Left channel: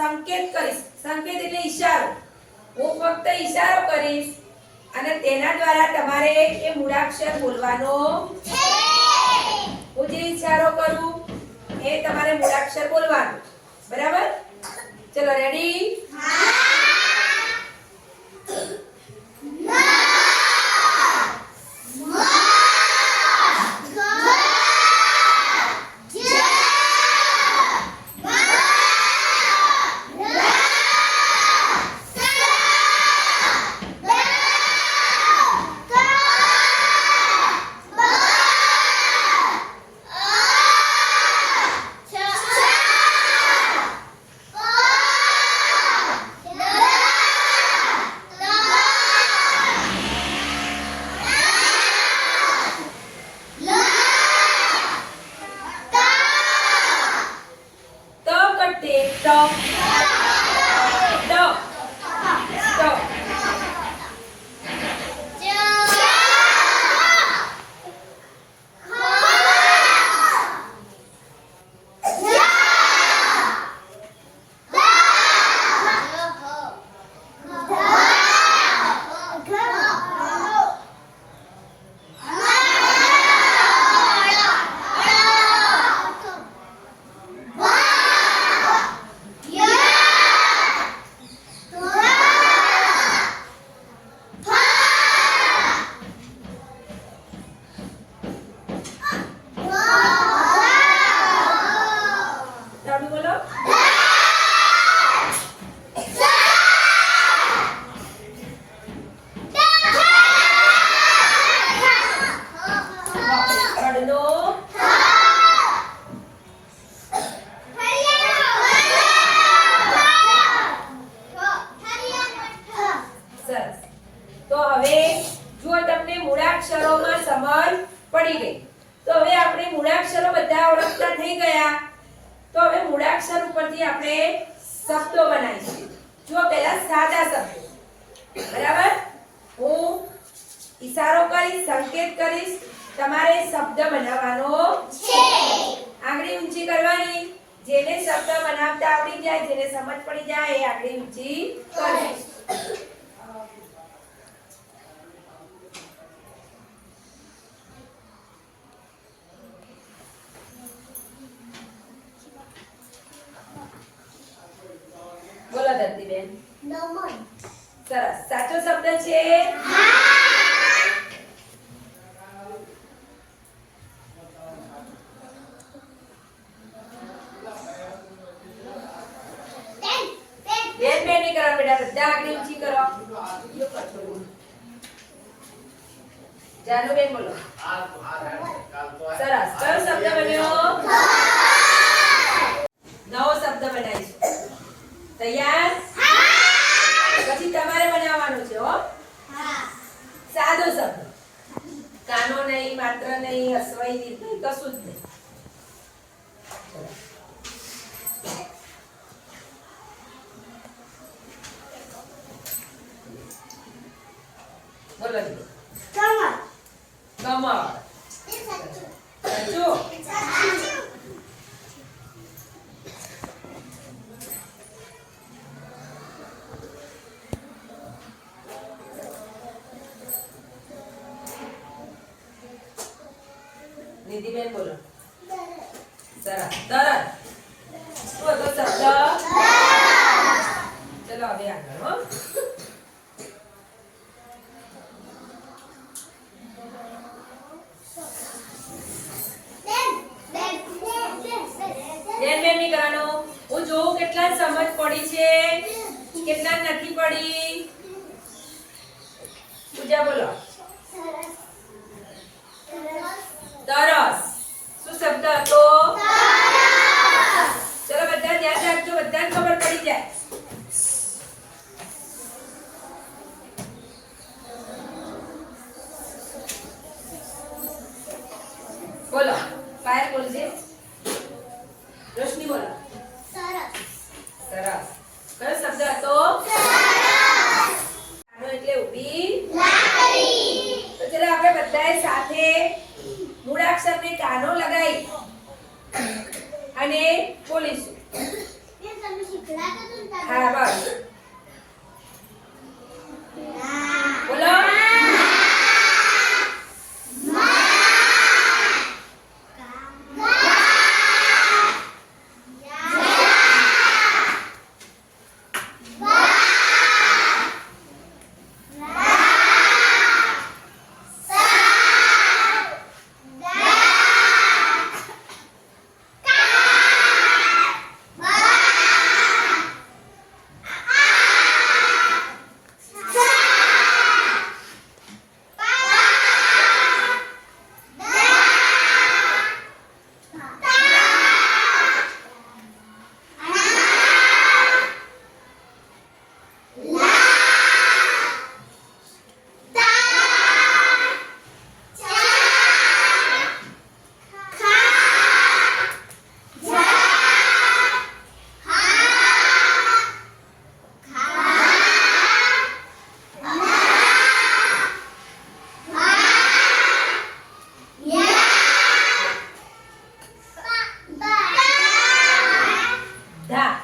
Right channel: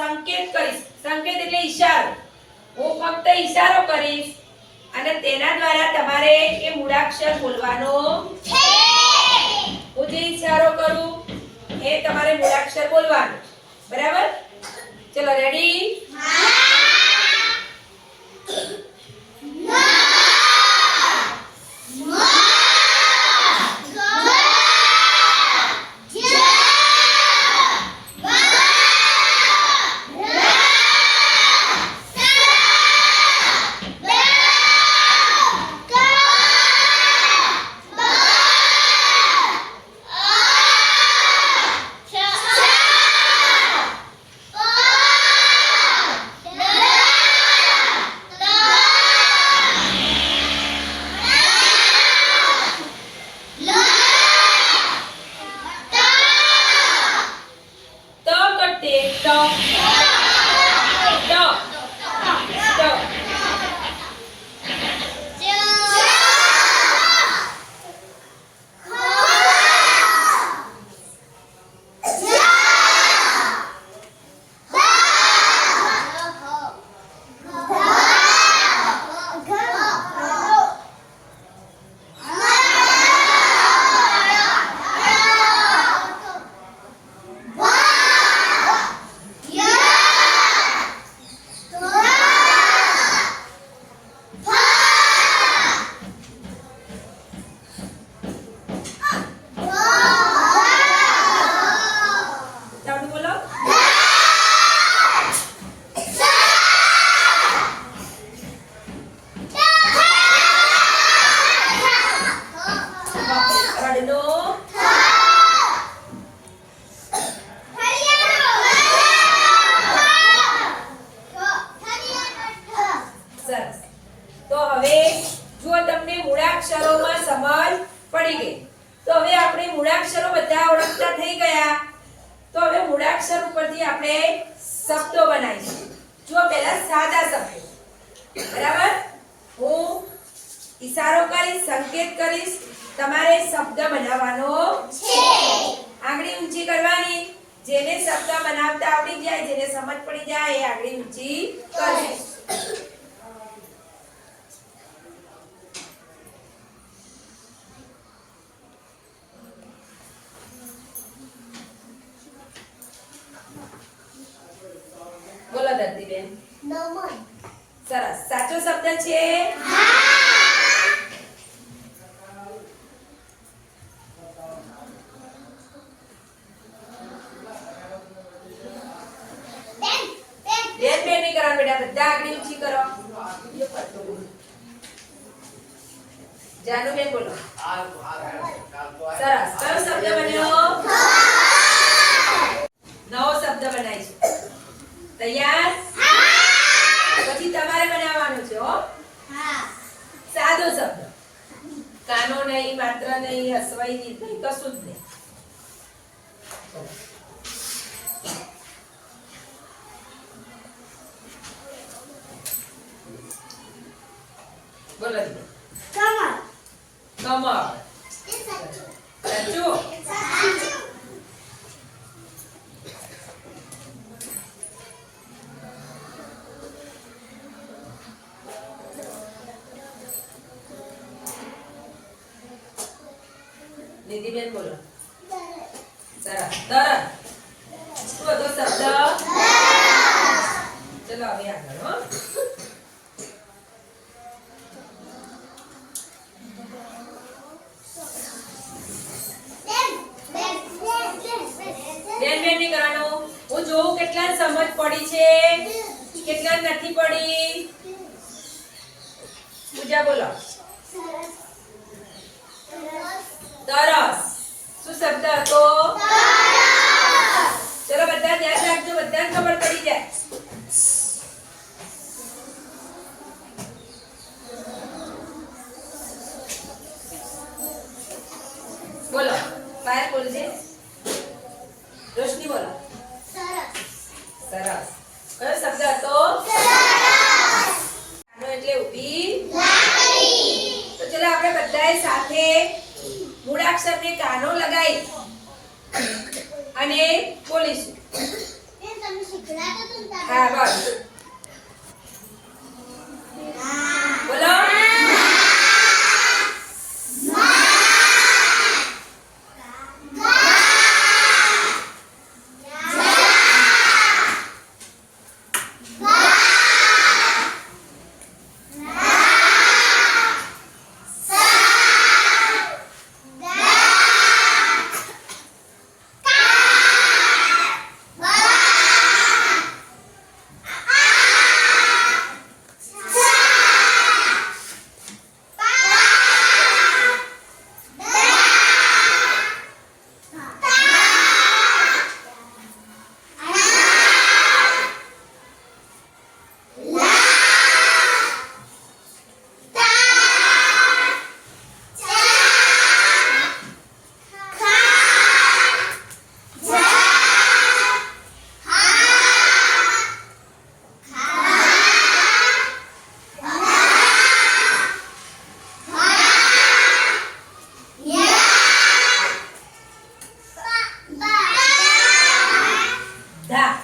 સંકેત કરીશ. સંકેત એટલે ઈશારો. હું ફક્ત ઈશારો કરીશ અને તેના દ્વારા તમારે એ મૂળાક્ષર બોલવાનો છે. હું જે ઈશારો કરું એ તમારે મૂળાક્ષર બોલવાનો. બરાબર? ચલો રેડી? તો હવે જો તમને મૂળાક્ષરોમાં સમજ પડી ગઈ તો હવે આપણે મૂળાક્ષરો બધા ઓળખતા થઈ ગયા. તો હવે મૂળાક્ષર ઉપરથી આપણે શબ્દો બનાવીશું. જો પહેલા સાદા શબ્દો. બરાબર? હું ઈશારો કરીશ, સંકેત કરીશ, તમારે શબ્દ બનાવવાનો છે. આંગળી ઊંચી કરવાની. જેને શબ્દ બનાવતા આવડી જાય, જેને સમજ પડી જાય એ આંગળી ઊંચી કરે. બોલો દત્તીબેન. નમન. સરસ. સાચો શબ્દ છે? બેન બેન નહીં કરો બેટા, બધા આંગળી ઊંચી કરો. જાનુબેન બોલો. સરસ. કયો શબ્દ બન્યો? નવો શબ્દ બનાવીશું. તૈયાર? પછી તમારે બનાવવાનું છે હો. સાદો શબ્દ. કાનો નહીં, માત્ર નહીં, હસવાઈ નહીં, કશું જ નહીં. બોલો. કમળ. કમળ. સાચું? નિધિબેન બોલો. સરસ. તરત. શું હતો શબ્દ? ચલો હવે આગળ હો. બેન બેન નહીં કરવાનું. હું જોઉં કેટલા સમજ પડી છે, કેટલા નથી પડી. પૂજા બોલો. તરસ. શું શબ્દ હતો? ચલો બધા ધ્યાન રાખજો, બધાને ખબર પડી જાય. બોલો. પાયલ બોલજે. રોશની બોલો. સરસ. સરસ. કયો શબ્દ હતો? કાનો એટલે ઊભી લાકડી. તો ચલો આપણે બધાએ સાથે મૂળાક્ષરને કાનો લગાવી અને બોલીશું. તમે શીખડાતા તો હા બસ બોલો ધા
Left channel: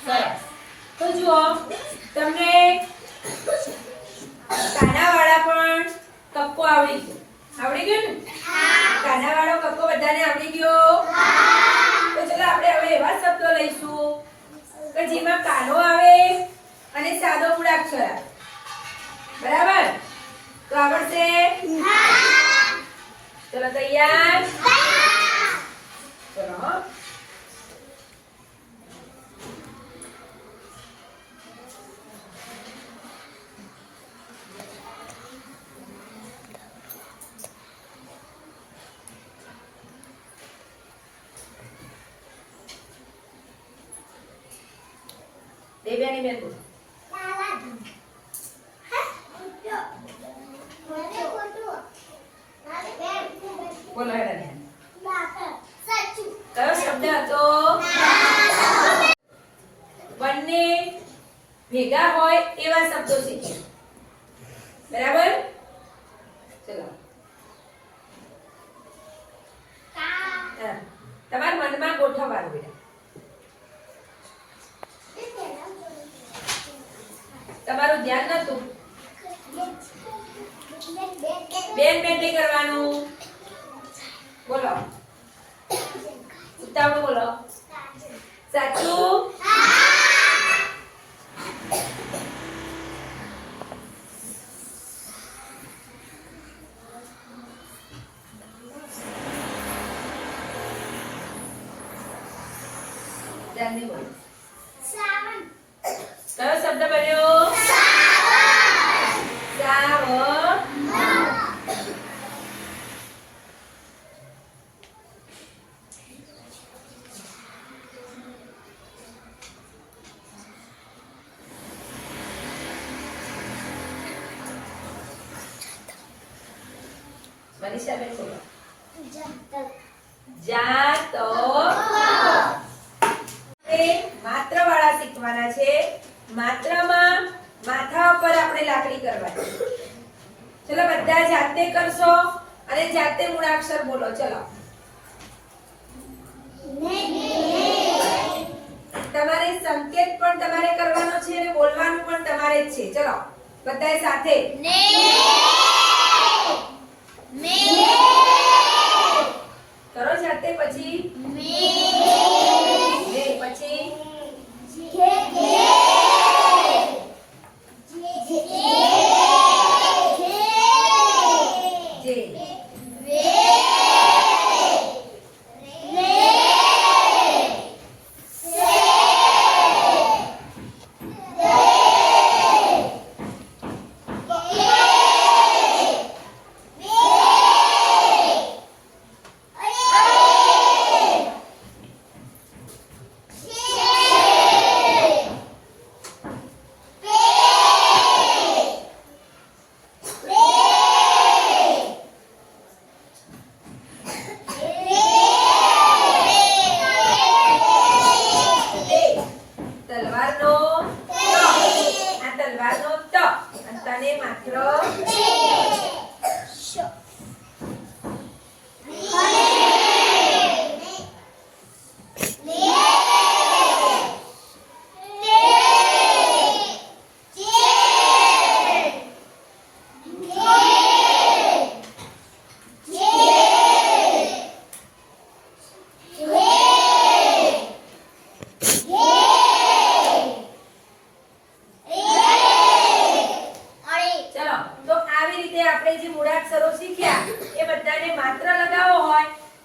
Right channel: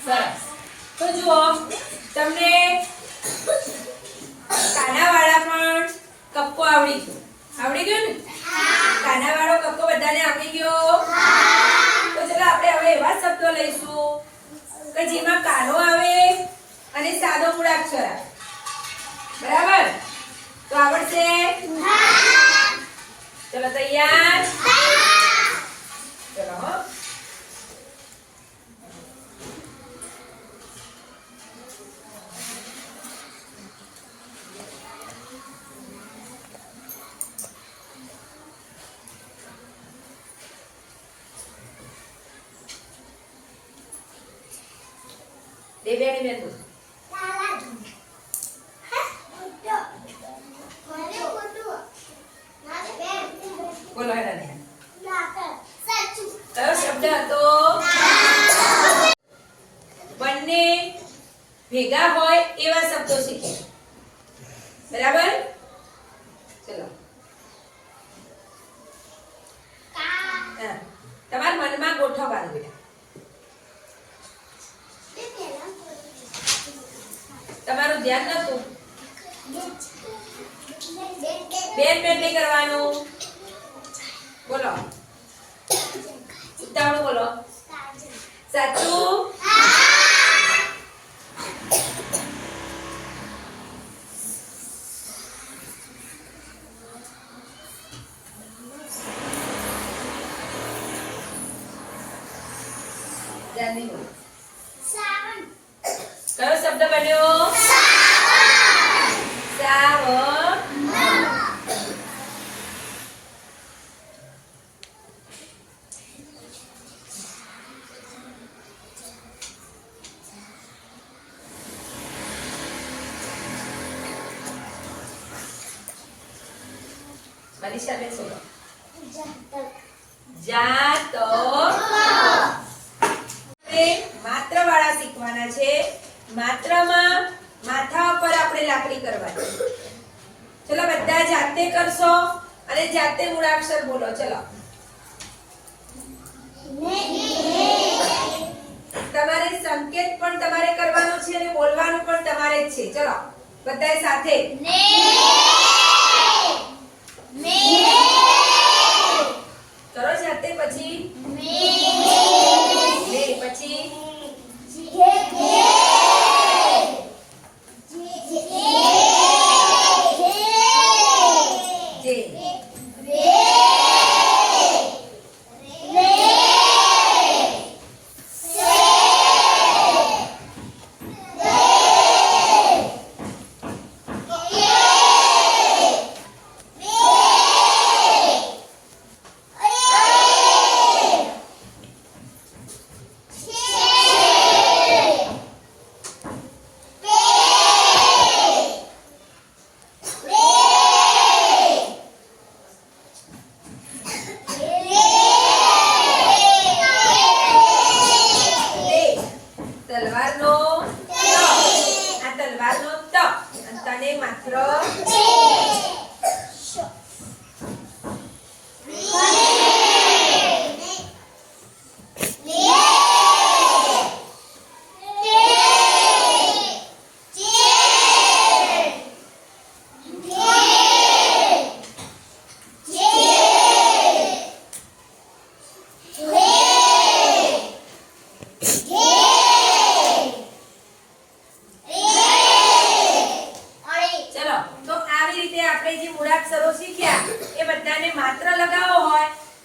સરસ તો જુઓ તમને કાનાવાળા પણ કક્કો આવડી ગયો ને કાનાવાળો કક્કો બધાને આવડી ગયો તો ચલો આપણે હવે એવા શબ્દો લઈશું કે જેમાં કાનો આવે અને સાદો મૂળાક્ષર આવે બરાબર તો આવડશે ચલો તૈયાર ચલો હો દેવ્યાની બેન બોલો. બોલો હેરાને કયો શબ્દ હતો બંને ભેગા હોય એવા શબ્દો શીખે બરાબર ચલો હા, તમારા મનમાં ગોઠવવાનું બેટા તમારું ધ્યાન નતું બેન નહીં કરવાનું બોલો ઉતાવળું બોલો સાચું ધ્યાન નહીં બોલો કયો શબ્દ બન્યો સાવન મનીષા બેન બોલો જાતો માત્ર વાળા શીખવાના છે માત્રામાં માથા પર આપણે લાકડી કરવાની ચલો બધા જાતે કરશો અને જાતે મૂળાક્ષર બોલો ચલો તમારે સંકેત પણ તમારે કરવાનો છે અને બોલવાનું પણ તમારે જ છે ચલો બધાય સાથે કરો જાતે પછી પછી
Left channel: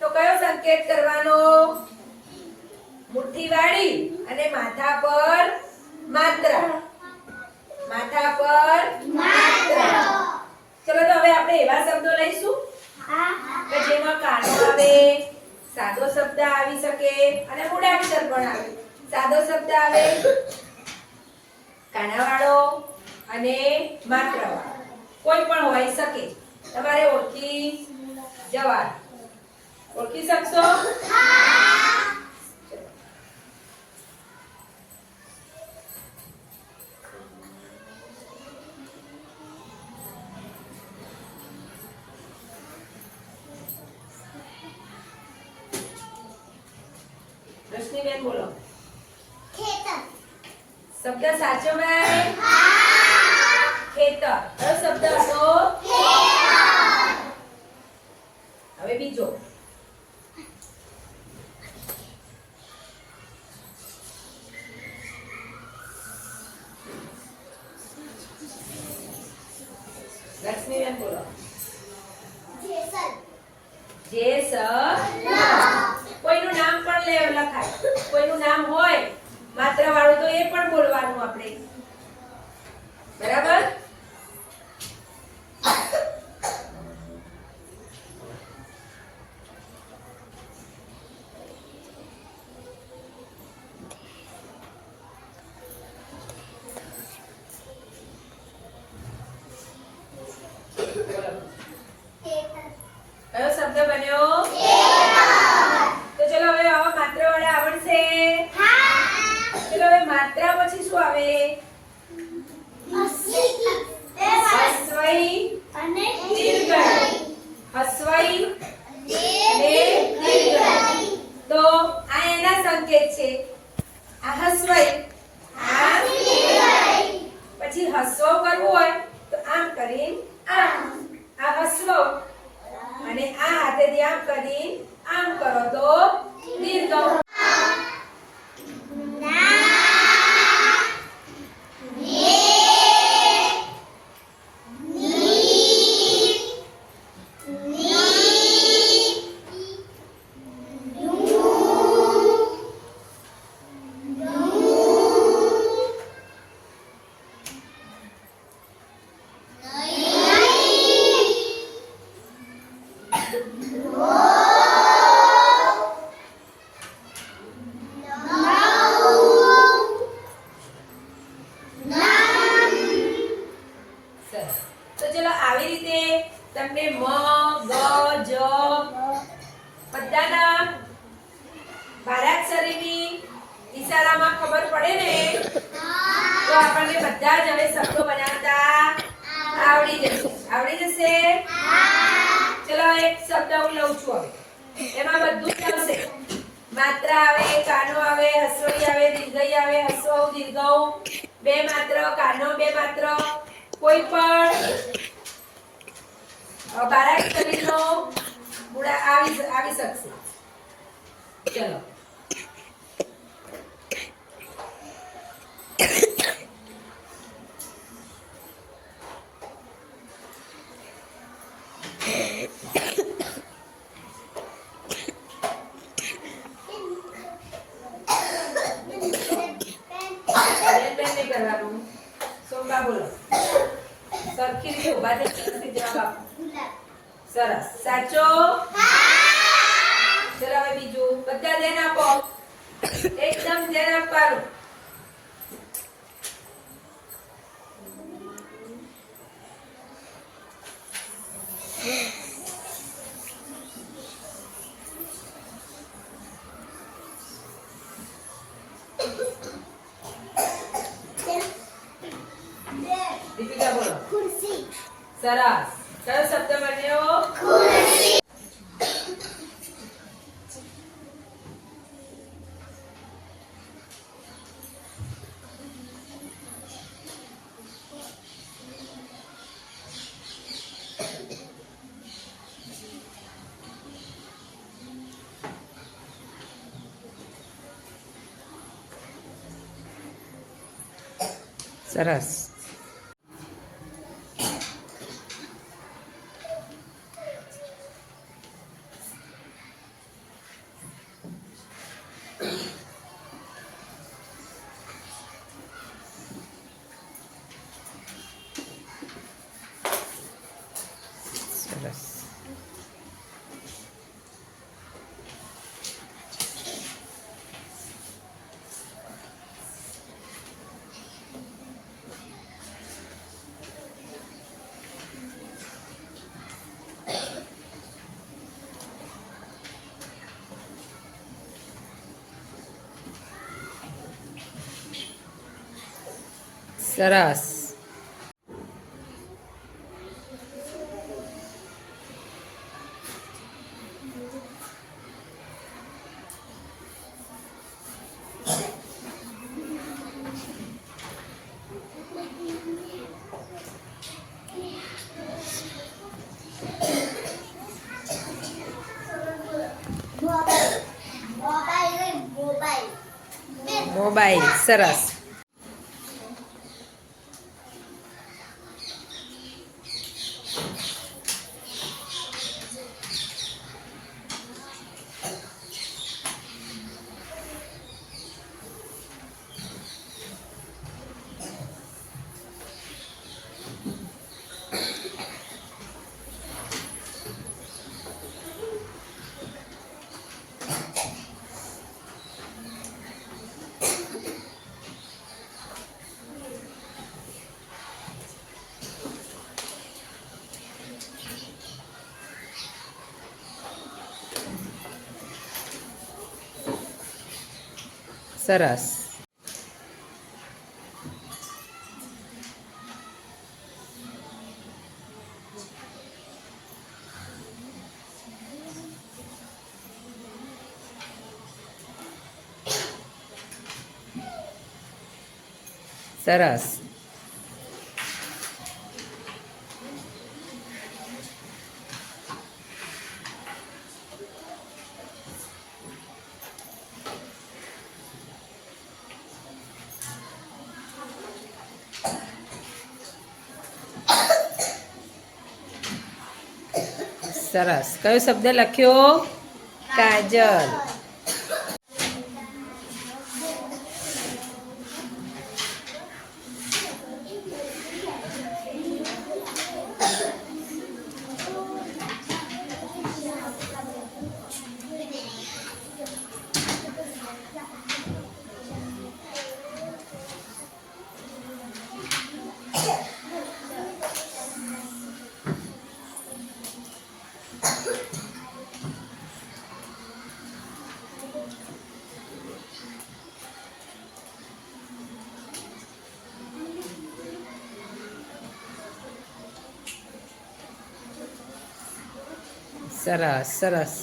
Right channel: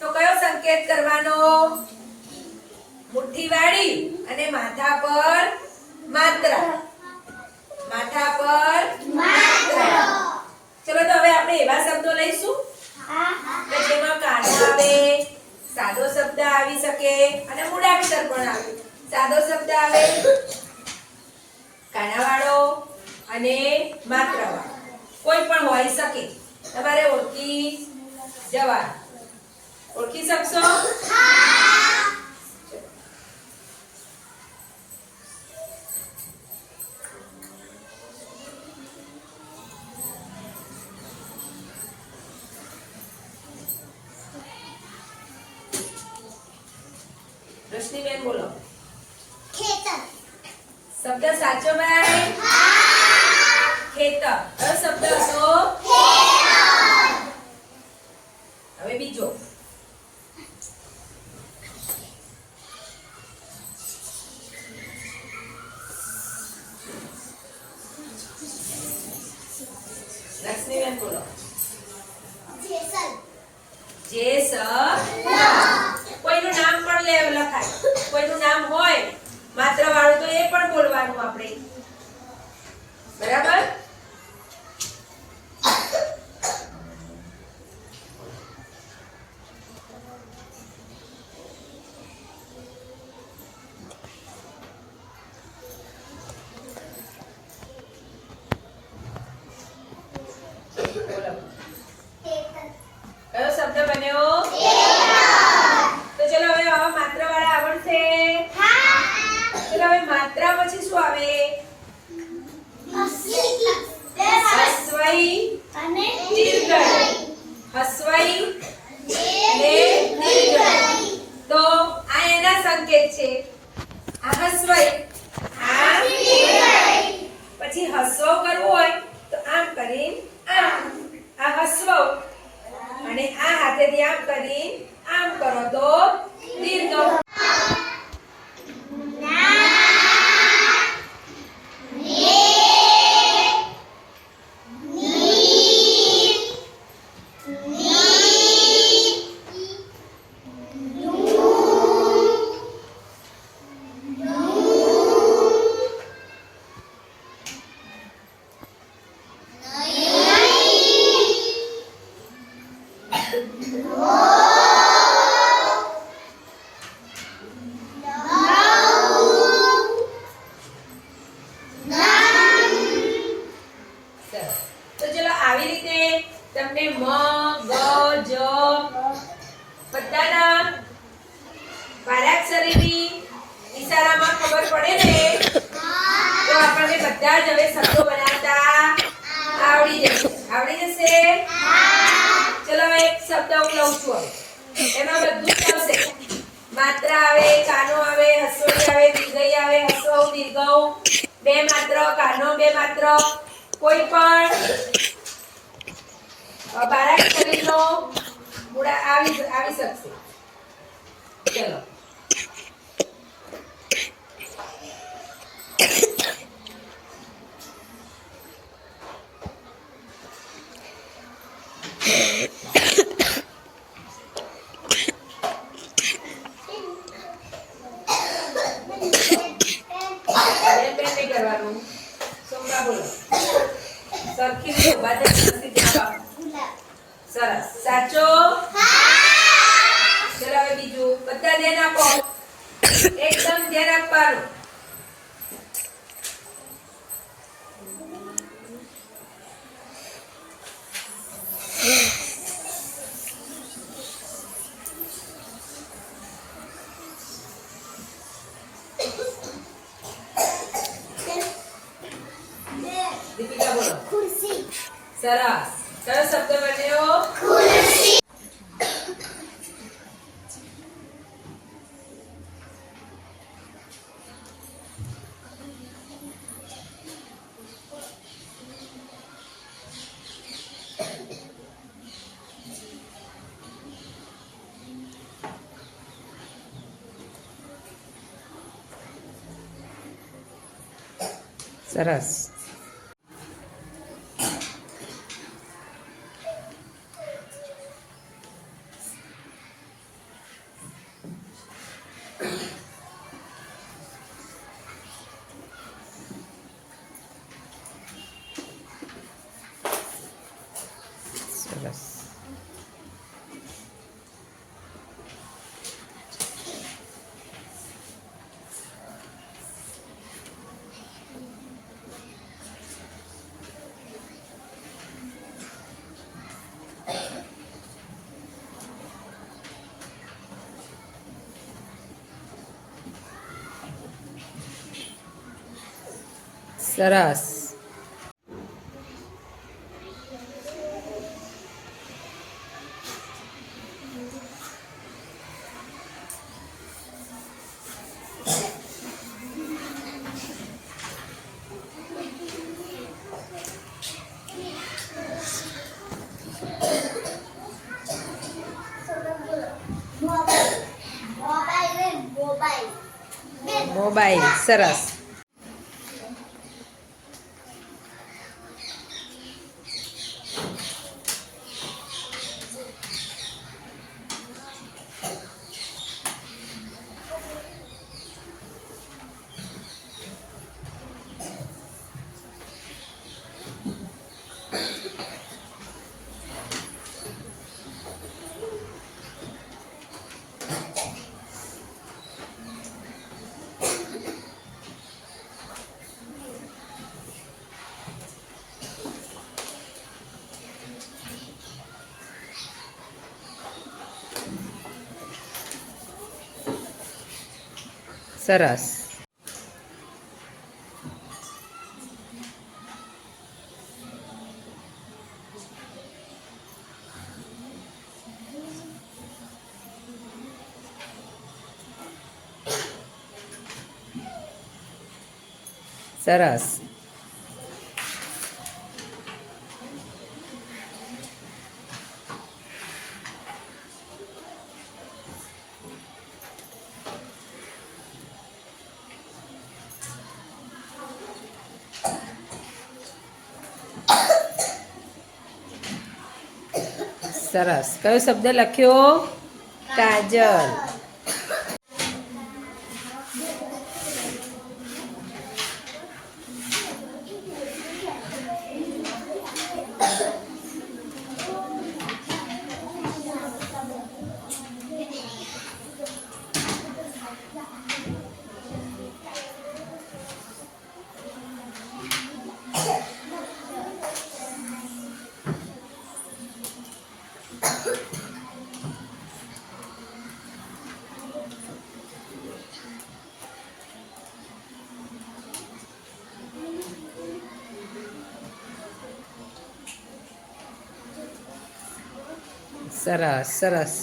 તો કયો સંકેત કરવાનો? મુઠ્ઠી વાળી અને માથા પર માત્રા. માથા પર માત્રા. ચલો તો હવે આપણે એવા શબ્દો લઈશું કે જેમાં કાનો આવે, સાદો શબ્દ આવી શકે અને મૂળાક્ષર પણ આવે. સાદો શબ્દ આવે કાનાવાળો અને માત્રાવાળો, કોઈ પણ હોઈ શકે. તમારે ઓળખી જવાનું. ઓળખી શકશો? રશ્મિબેન બોલો. ખેતર. શબ્દ સાચો ભાઈ? ખેતર. કયો શબ્દ હતો? હવે બીજો. રશ્મિબેન બોલો. જેસલ. કોઈનું નામ પણ લખાય. કોઈનું નામ હોય માત્ર વાળું તો એ પણ બોલવાનું આપણે. બરાબર? બોલો. કયો શબ્દ બન્યો? તો ચલો હવે આવા માત્ર વાળા આવડશે? ચલો હવે માત્રા પછી શું આવે? હસ્વઈ અને દીર્ઘઈ. હસ્વઈ અને દીર્ઘઈ. તો આ એના સંકેત છે. આ હસ્વઈ, આ દીર્ઘઈ. પછી હસ્વ કરવું હોય તો આમ કરીને આમ. આ હસ્વ અને આ હાથેથી આમ કરી આમ કરો તો દીર્ઘ. તો ચલો આવી રીતે તમને મ, ગ, જ બધાના બારાક્ષરીની ઈશારામાં ખબર પડે ને તો આપણને બધા જ હવે શબ્દો બનાવતા આવડી જશે. આવડી જશે? ચલો એક શબ્દ હું લઉં છું હવે. એમાં બધું જ આવશે. માત્રા આવે, કાનો આવે, હસ્વઈ આવે, દીર્ઘઈ આવે, હસ્વ દીર્ઘ, બે માત્ર, કાનો બે માત્ર, કોઈ પણ બારાક્ષરીનો મૂળા આવી શકશે. ચલો નહીં કરવાનું. સોમા બોલો. સરખી રીતે ઉભા થઈ જવાબ આપો. સરસ. સાચો? ચલો હવે બીજું. બધા ધ્યાન આપો. એકદમ ધ્યાન આપવાનું. દીપિકા બોલો. ખુરશી. સરસ. કયો શબ્દ બન્યો? ખુરશી. સરસ. સરસ. Mobile mobile mobile. સરસ. સરસ. સરસ. સરસ. કયો શબ્દ લખ્યો? કાજલ. સરસ. સરસ.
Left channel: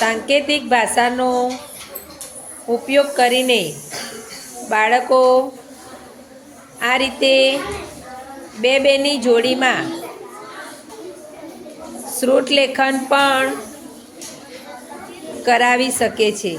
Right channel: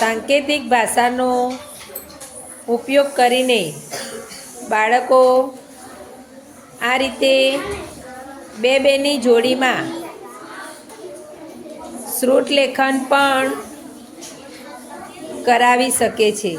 સાંકેતિક ભાષાનો ઉપયોગ કરીને બાળકો આ રીતે બે બેની જોડીમાં શ્રુત લેખન પણ કરાવી શકે છે.